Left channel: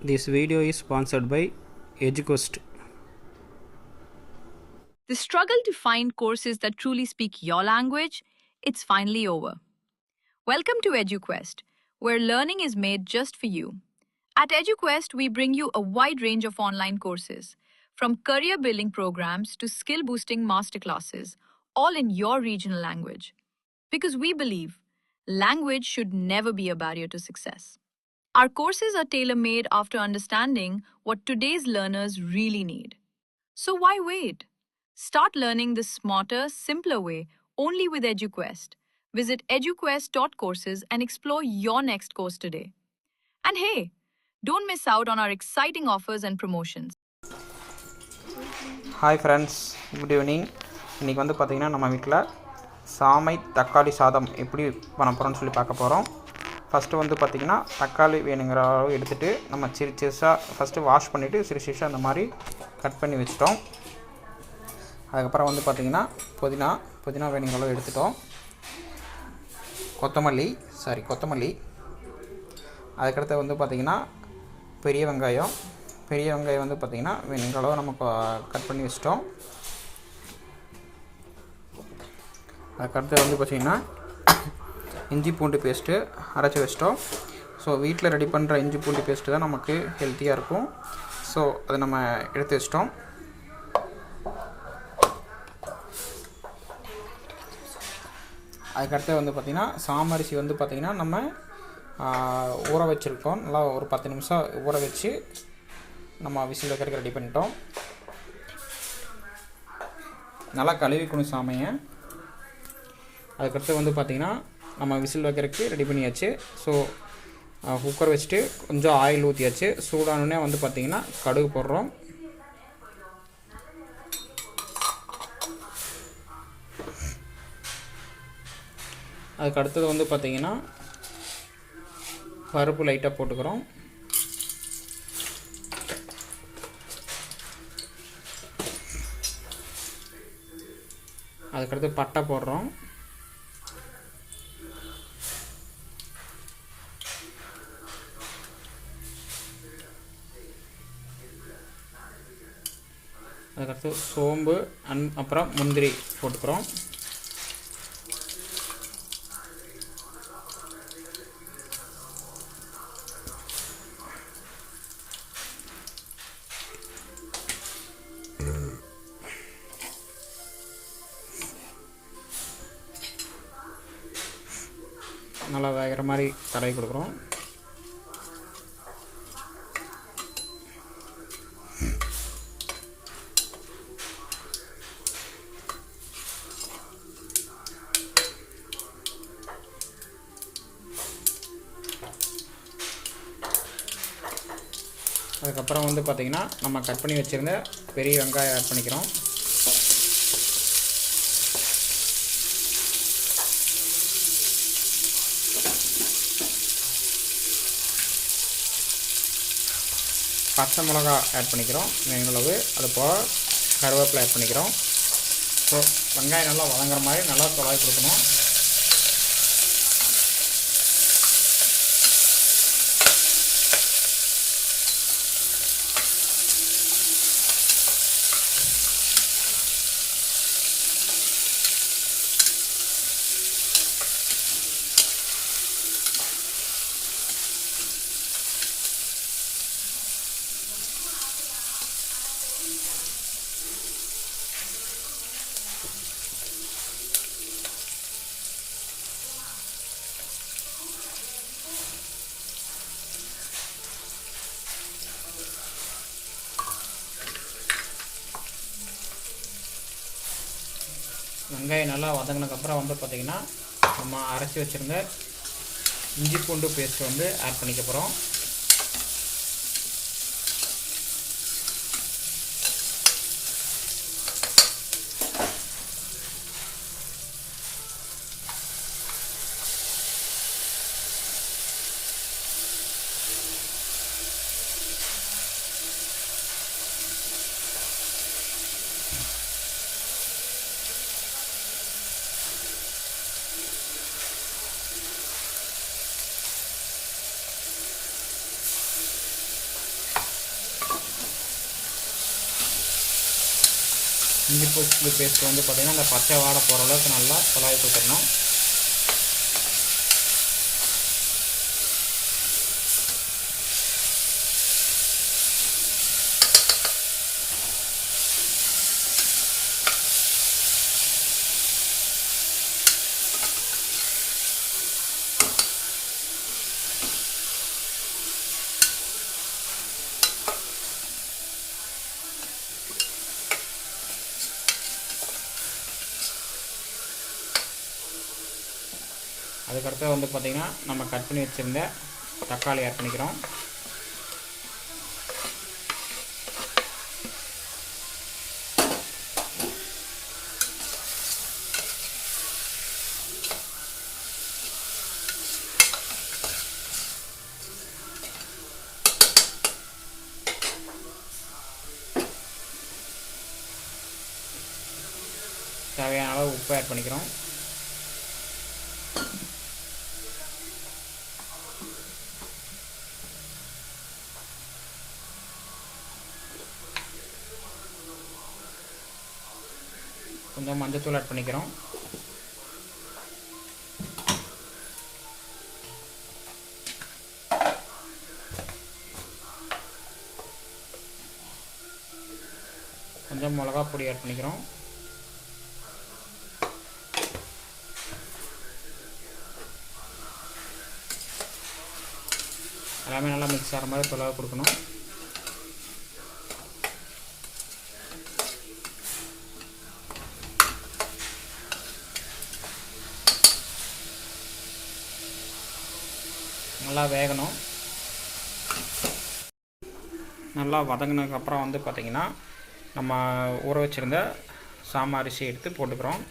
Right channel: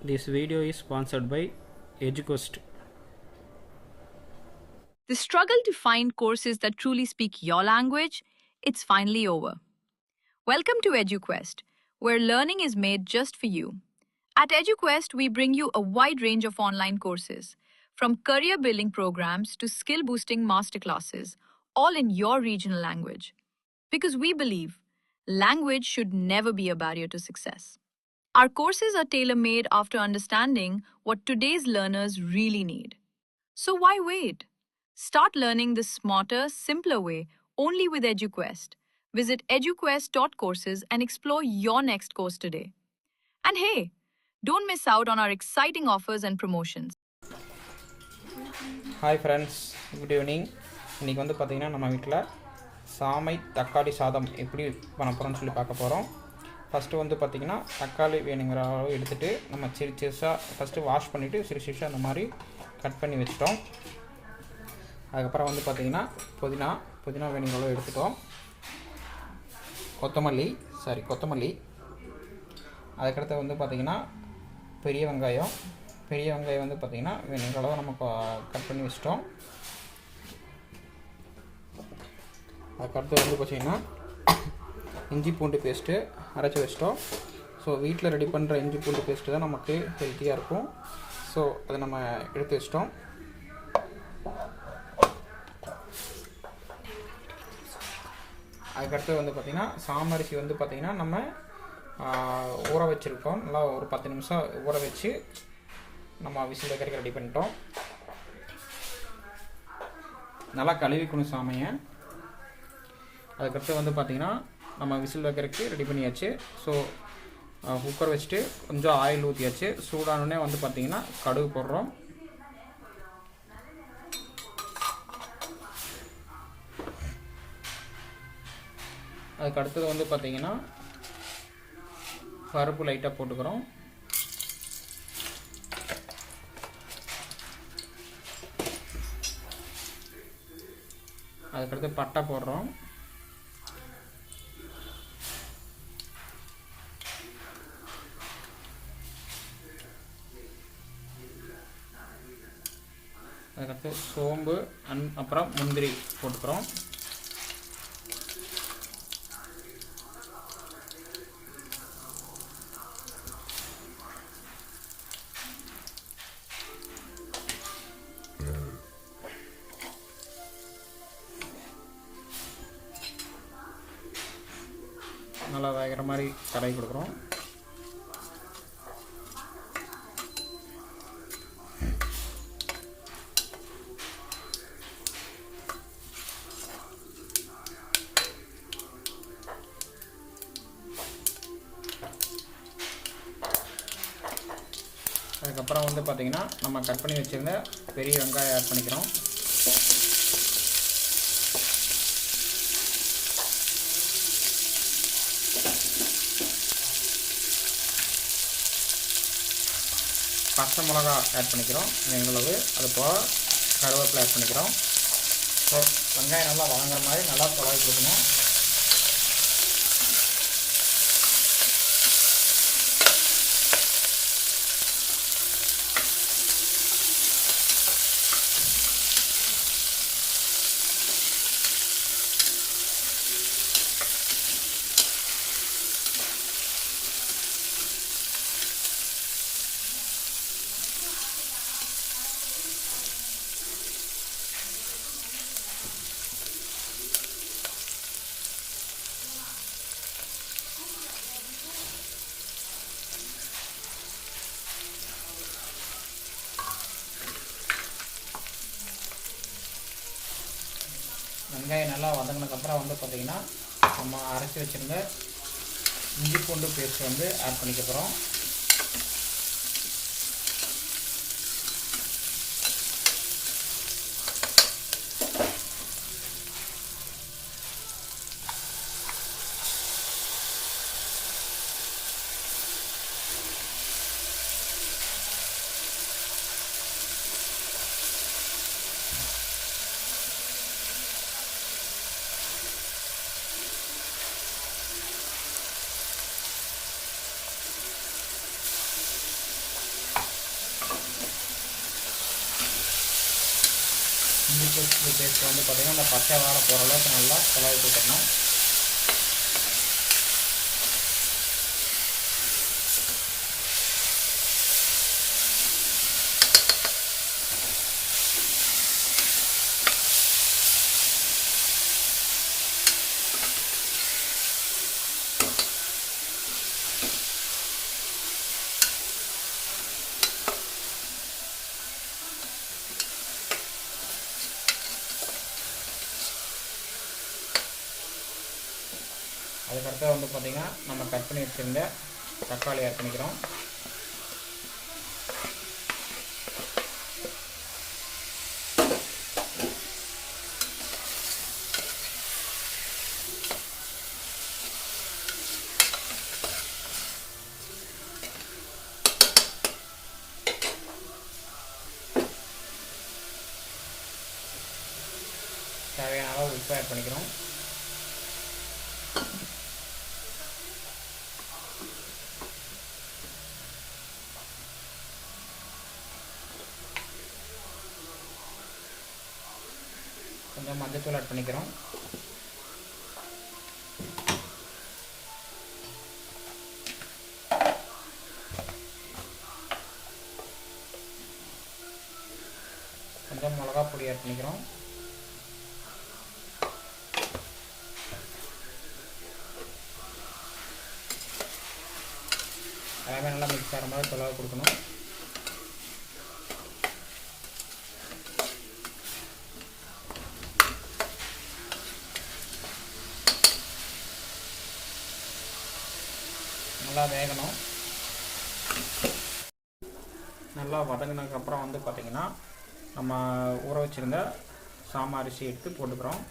This video is sponsored by EduQuest. The struggle to find courses that truly speak your language, it's finally over. Welcome to EduQuest, where learning is made just for you. At EduQuest, we bring you a wide range of online courses, from career building programs to skill boosting masterclasses, all in your regional language. Because we believe language should never be a barrier to success. Our courses are tailor made after understanding what today's learners really need. So why wait? Start learning the smarter, simpler way only with EduQuest. Visit eduquest.courses and explore your next course today. And hey, don't miss out on our exciting offers and promotions. Hi friends, good evening. இன்றைக்கி வந்து பார்த்திங்கன்னா நம்ம வீட்டில் சாமை தக்காளி சாதம் எப்படி பண்ண போகிறோம்னு சொல்லி பார்க்க போகிறோம். ஃபஸ்ட்டு வந்து பார்த்திங்கன்னா தக்காளி வேணுங்கிற அளவு எடுத்துகிட்டு நம்ம சிறுசாக ஃபஸ்ட்டு வாஷ் பண்ணிவிட்டு சிறுசாக அந்த மாதிரி கட் பண்ணி வச்சிட்டோம். அதுக்கப்புறம் வந்து பார்த்திங்கன்னா புதினா வேணுங்கிற அளவு எடுத்துட்டோம். கொத்தமல்லி அதுக்கடுத்து வந்து பார்த்திங்கன்னா பெரிய வெங்காயம் வந்து பார்த்திங்கன்னா வேணுங்கிற அளவு நம்ம கட் பண்ணி வச்சிட்டோம். அதுக்கடுத்து வந்து பார்த்திங்கன்னா இஞ்சி பூண்டு பேஸ்ட்டு அரைச்சி வச்சிட்டோம். ஸோ வீட்டில் ரெடி பண்ணுற இஞ்சி பூண்டு பேஸ்ட்டு தான் நமக்கு ஹெல்த்தியாக இருக்கும். ஸோ அதை நம்ம எடுத்து வச்சிட்டோம். அதுக்கடுத்து வந்து பார்த்திங்கன்னா சாமரிசி வந்து பார்த்திங்கன்னா நம்ம ஊற வச்சுருக்கோம். நல்லா ஒரு 10 நிமிஷம் ஊற வச்சு நம்ம விசில் வைக்கிறதுக்கு ரெடி பண்ணிட்டோம். நல்லா கழுவிக்கணும் சாமையை. அதுக்கடுத்து வந்து பார்த்திங்கன்னா நம்ம விசில் வைக்கிறதுக்கு ரெடி பண்ணியாச்சு. ஸோ குக்கர் வச்சுட்டு கொஞ்சம் ஆயில் ஊற்றியாச்சு. சூடானோடனே வந்து பார்த்திங்கன்னா கடுகு போடுறோம். அதுக்கு அடுத்தது வந்து பார்த்திங்கன்னா பருப்பு லைட்டாக போட்டுக்கிறோம். அதுக்கடுத்து பட்டை போடுறோம். அதுக்கடுத்து சோம்பு அப்புறம் முந்திரி போட்டுக்கிறோம். நல்லா வேகிற மாதிரி தடவி கொடுக்குறோம். அதுக்கப்புறம் வந்து பார்த்திங்கன்னா நம்ம கட் பண்ணி வச்சுருந்த பெரிய வெங்காயம் ஆட் பண்ணிக்கிறோம். பச்சை மிளகா ஆட் பண்ணிக்கிறோம் வேணுங்களவு. அது போக கருவேப்பிலை ஆட் பண்ணிக்கிறோம். ஸோ வெங்காயம் நல்லா வதங்குற மாதிரி நல்லா தொலைவி கொடுக்கணும். வெங்காயம் நல்லா வதங்கினதுக்கப்புறம் வந்து பார்த்திங்கன்னா நம்ம அரைச்சி வச்சுருந்த இஞ்சி பூண்டு பேஸ்ட் வந்து ஆட் பண்ணிக்க போகிறோம். இஞ்சி பூண்டு பேஸ்ட் வந்து பார்த்திங்கன்னா அந்த பச்சை வாடை போகிற அளவுக்கு நல்லா கலரி போட்டுக்கணும். அதுக்கடுத்து வந்து பார்த்திங்கன்னா நம்ம கட் பண்ணி வச்சுருந்த தக்காளி ஆட் பண்ணிக்கிறோம். தேவையான அளவு உப்பு ஆட் பண்ணிக்கிறோம். கொஞ்சம் மஞ்சத்தூள் ஆட் பண்ணிக்கிறோம். கொஞ்சம் மிளகா பொடி ஆட் பண்ணிக்கிறோம். எல்லாமே நல்லா மிக்ஸ் ஆகிற மாதிரி தொலைவை கொடுக்கணும். நல்லா வேகணும். நல்லா வதங்கினதுக்கப்புறம் வந்து பார்த்திங்கன்னா நம்ம ஊற வச்சுருந்த சாம அரிசி எடுத்து போட்டுக்கிறோம்.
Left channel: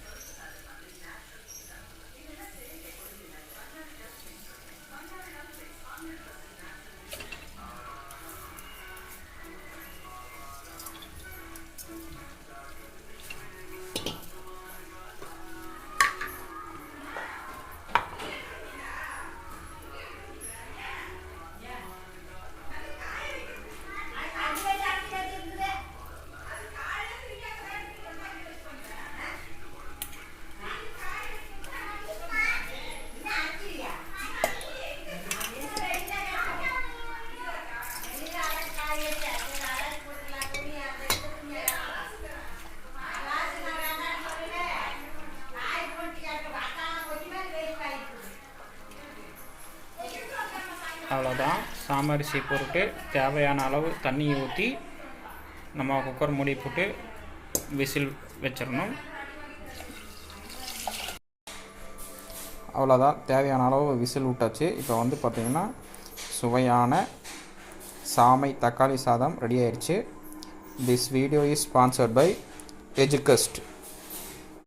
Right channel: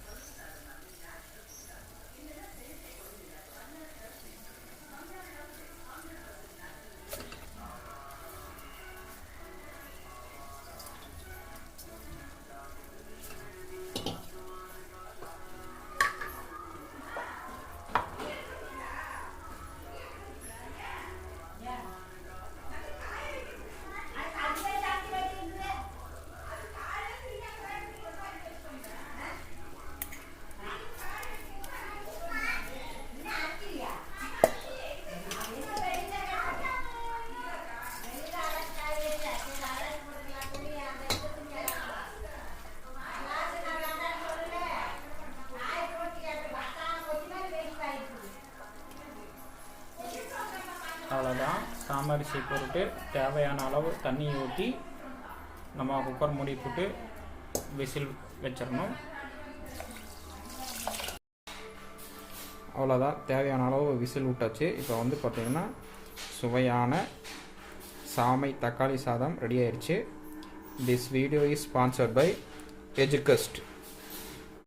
அவ்வளோதான். சாமரிசி போட்டு தேவையான அளவு தண்ணி ஊற்றி நம்ம குக்கர் மூடி போட்டு விசில் வச்சிடணும். அவ்வளோதான், தேவையான அளவு விசில் விட்டாச்சு. இப்போ வந்து பார்த்திங்கன்னா சுவையான சாமை தக்காளி சாதம் ரெடி ஆயிடுச்சு. This video is sponsored by எஜுகஸ்ட்.